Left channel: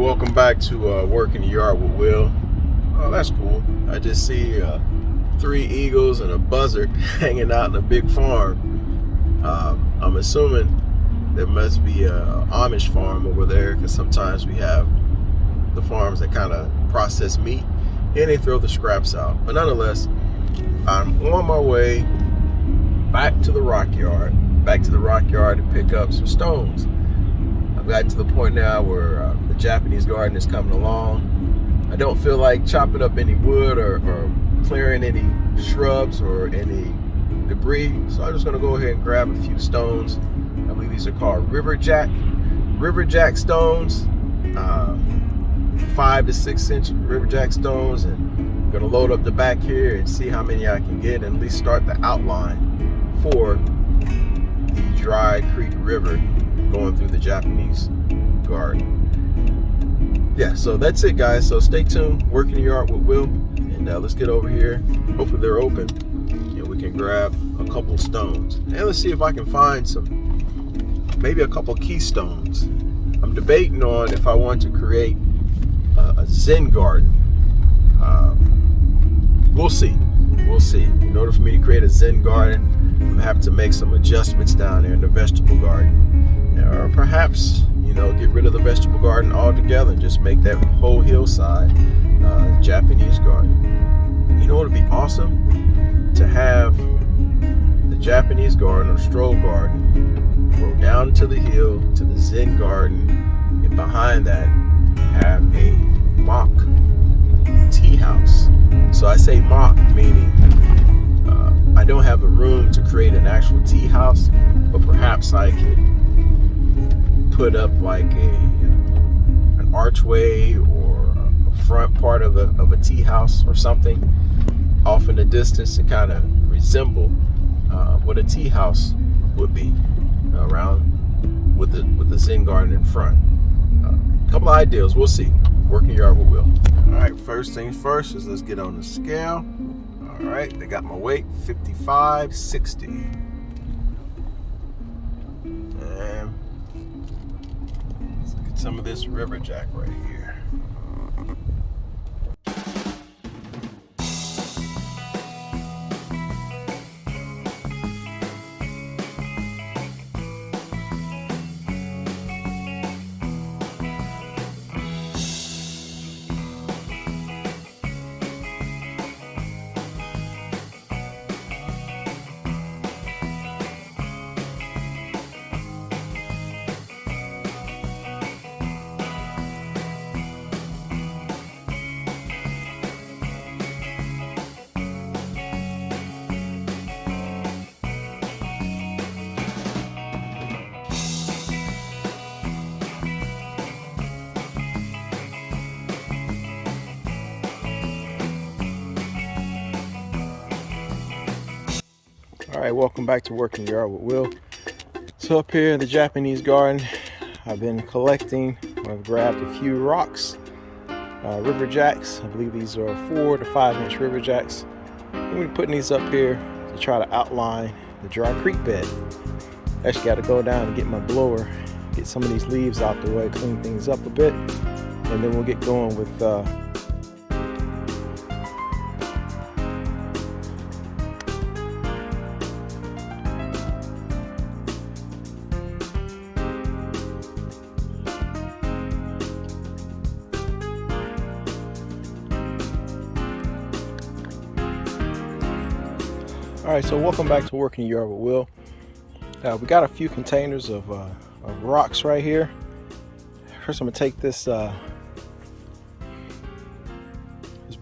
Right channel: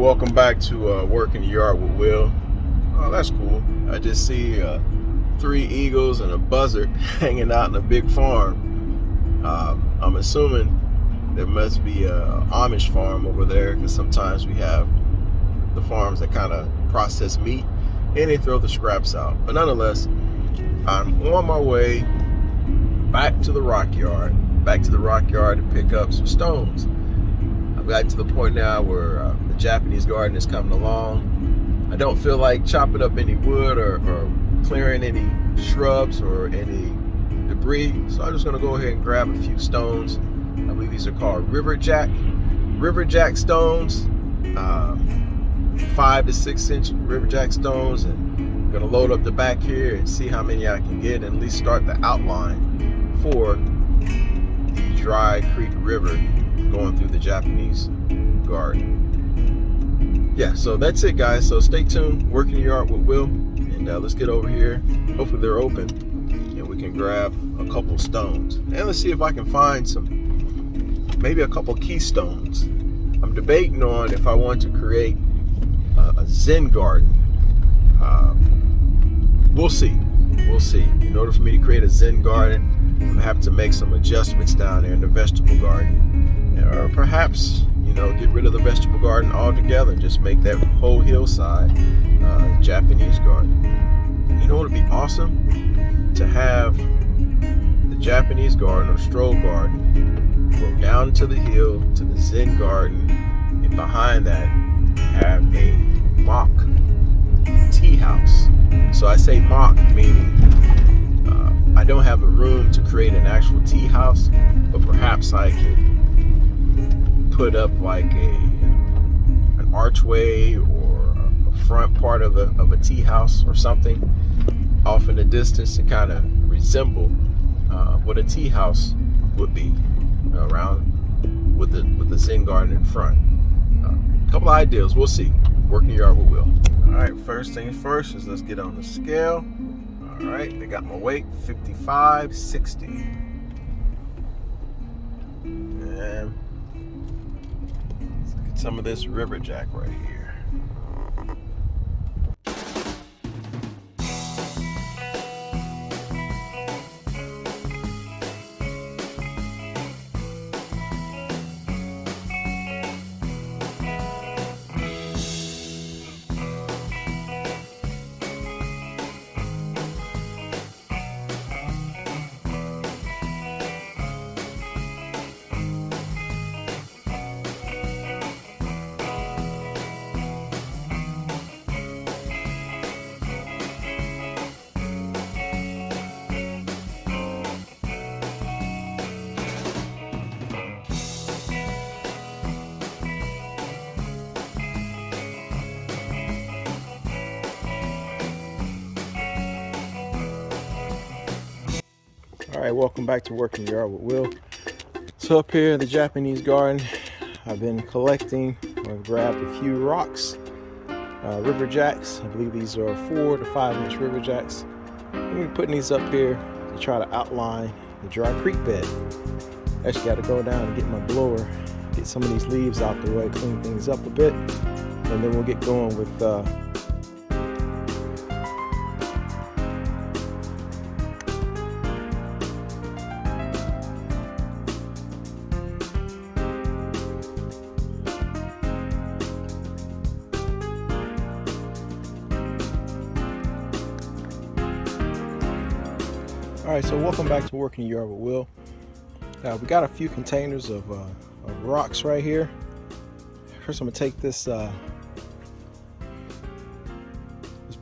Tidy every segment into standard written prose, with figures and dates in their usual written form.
welcome back to Work in the Yard with Will. Oh, that's cool. I just see 3 eagles and a buzzard hanging out in a big farm. I'm assuming there must be a Amish farm over there, because sometimes we have the farms that kind of process meat and they throw the scraps out. But nonetheless, I'm on my way back to the rock yard to pick up some stones. I've gotten to the point now where the Japanese garden is coming along. I don't feel like chopping up any wood or clearing any shrubs or any debris, so I'm just going to go ahead and grab a few stones. I believe these are called riverjack stones, 5 to 6 inch riverjack stones, and I'm going to load up the back here and see how many I can get and at least start the outline for the Dry Creek River going through the Japanese garden. Yeah, so that's it, guys. So stay tuned. Work in the Yard with Will, and let's get over here. Hopefully they're open and we can grab a couple stones, and let's see if I can find maybe a couple keystones. I'm debating on if I want to create a Zen garden. We'll see. In order for me to create a Zen garden, I'm gonna have to make some adjustments down there in the vegetable garden. Or perhaps, get rid of the vegetable garden altogether and just make that whole hillside Japanese garden. It would be awesome to have the Japanese garden or stroll garden go down to the hill to the Zen garden, and behind that have a mock tea house. So I say mock, meaning I don't have the room to create an actual tea house, but perhaps I could put up like an archway or a front part of a tea house or something off in the distance to kind of resemble what a tea house would be around with the Zen garden in front. A couple of ideas, we'll see. Work in the Yard with Will. All right, first things first is let's get on the scale. All right, they got my weight, 55.60. And let's look at some of this riverjack right here. All right, welcome back to Work in the Yard with Will. So up here in the Japanese garden, I've been collecting. I've grabbed a few rocks, river jacks. I believe these are 4 to 5 inch river jacks. I'm gonna be putting these up here to try to outline the dry creek bed. Actually got to go down and get my blower, get some of these leaves out the way, clean things up a bit, and then we'll get going with All right, so welcome back to Work in the Yard with Will. We got a few containers of rocks right here. First, I'm gonna take this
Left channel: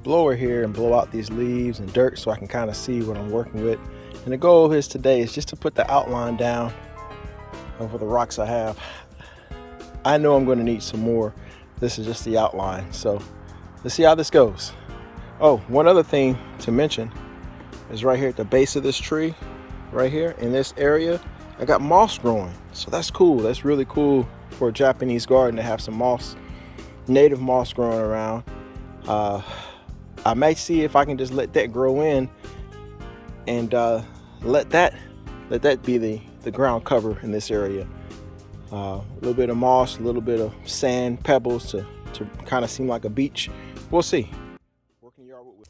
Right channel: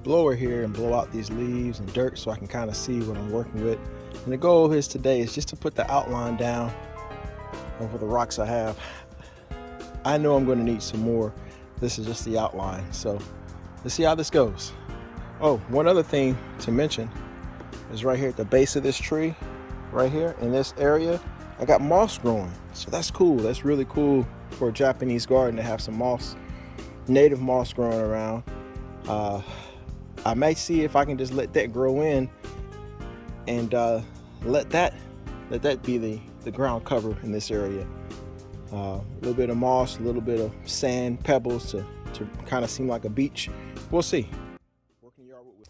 blower here and blow out these leaves and dirt so I can kind of see what I'm working with. And the goal is today is just to put the outline down over the rocks I have. I know I'm going to need some more. This is just the outline, so let's see how this goes. Oh, one other thing to mention is right here at the base of this tree, right here in this area, I got moss growing. So that's cool. That's really cool for a Japanese garden to have some moss, native moss growing around. I might see if I can just let that grow in and let that be the ground cover in this area. A little bit of moss, a little bit of sand, pebbles to to kind of seem like a beach. We'll see. Working yard with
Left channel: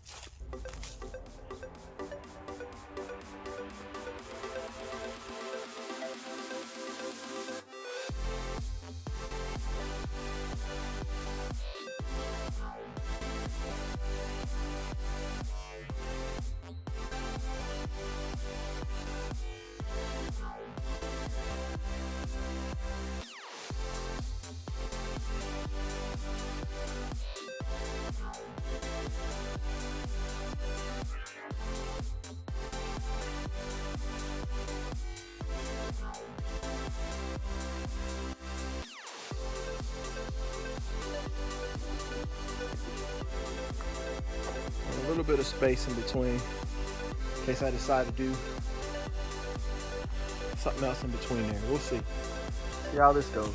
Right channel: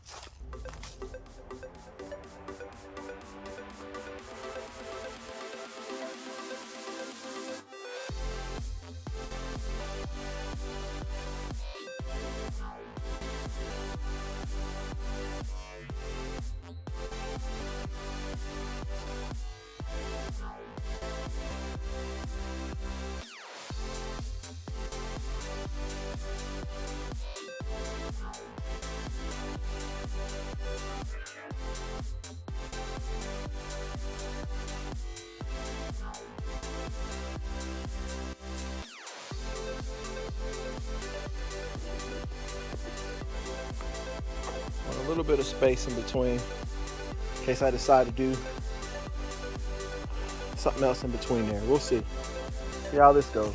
a little bit of space in between in case I decide to do something else in between there. We'll see how this goes.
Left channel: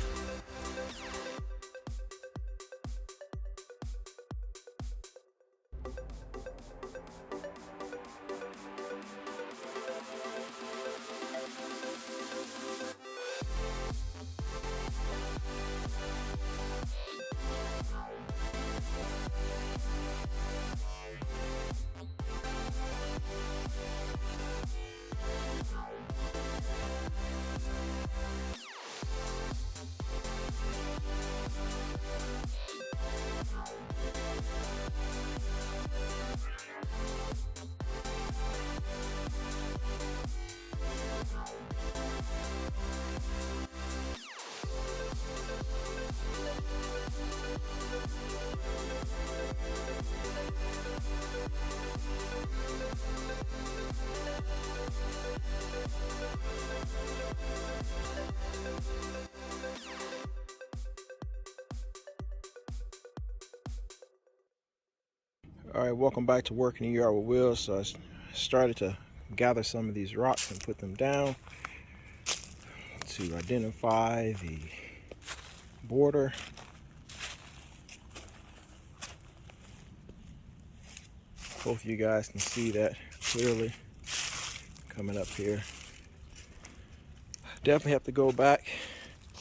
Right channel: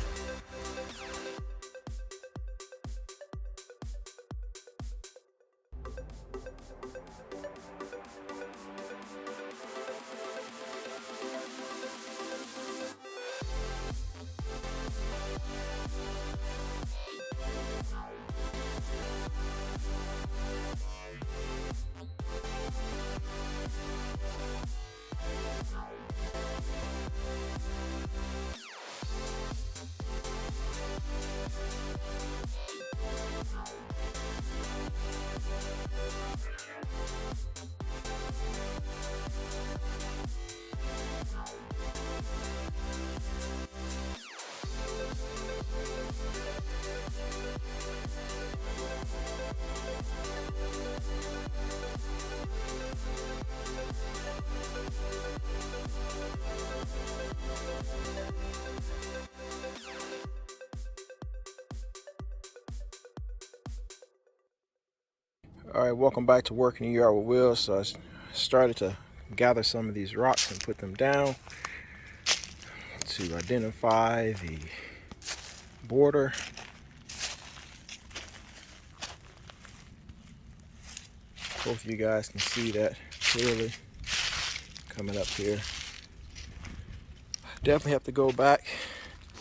All right, welcome back to Working the Yard with Will. So I started to gather some of these rocks and put them down to identify the border. Both of you guys can see that clearly coming up here. Definitely have to go back.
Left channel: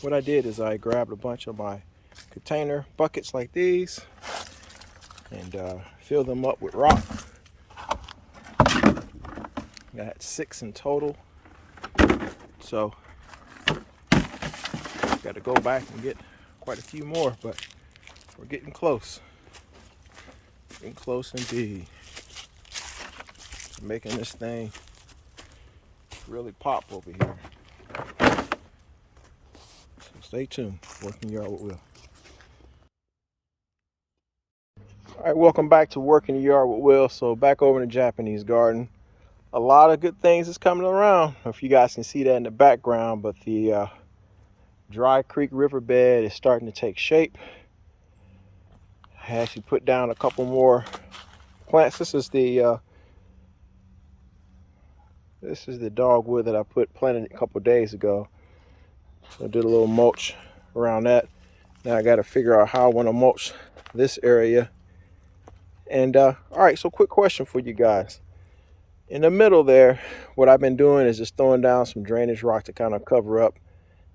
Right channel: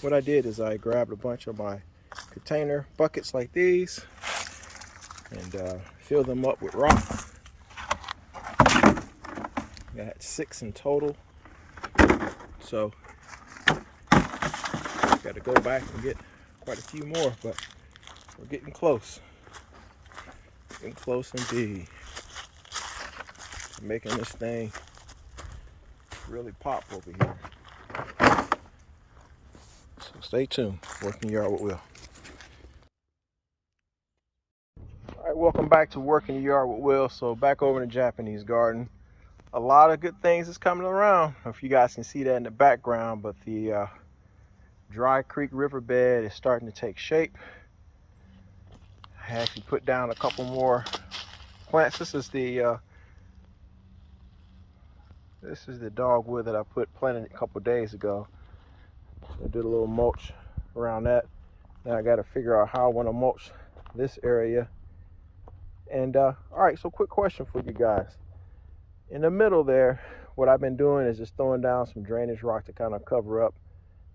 What I did is I grabbed a bunch of my container buckets like these and fill them up with rock. I had 6 in total, so got to go back and get quite a few more, but we're getting close. Getting close indeed. Making this thing really pop over here. So stay tuned. Working Yard with Will. All right, welcome back to Working the Yard with Will. So back over in the Japanese garden. A lot of good things is coming around. I don't know if you guys can see that in the background, but the Dry Creek riverbed is starting to take shape. I actually put down a couple more plants. This is the dogwood that I planted a couple days ago. I did a little mulch around that. Now I got to figure out how I want to mulch this area. And all right, so quick question for you guys. In the middle there, what I've been doing is just throwing down some drainage rock to kind of cover up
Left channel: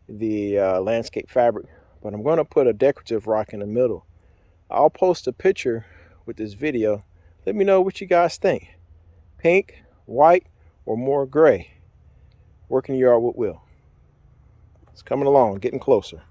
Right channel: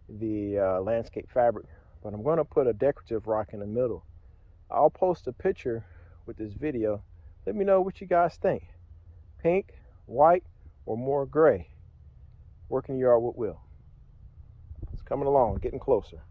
the landscape fabric, but I'm going to put a decorative rock in the middle. I'll post a picture with this video. Let me know what you guys think. Pink, white, or more gray. Working the Yard with Will. It's coming along, getting closer.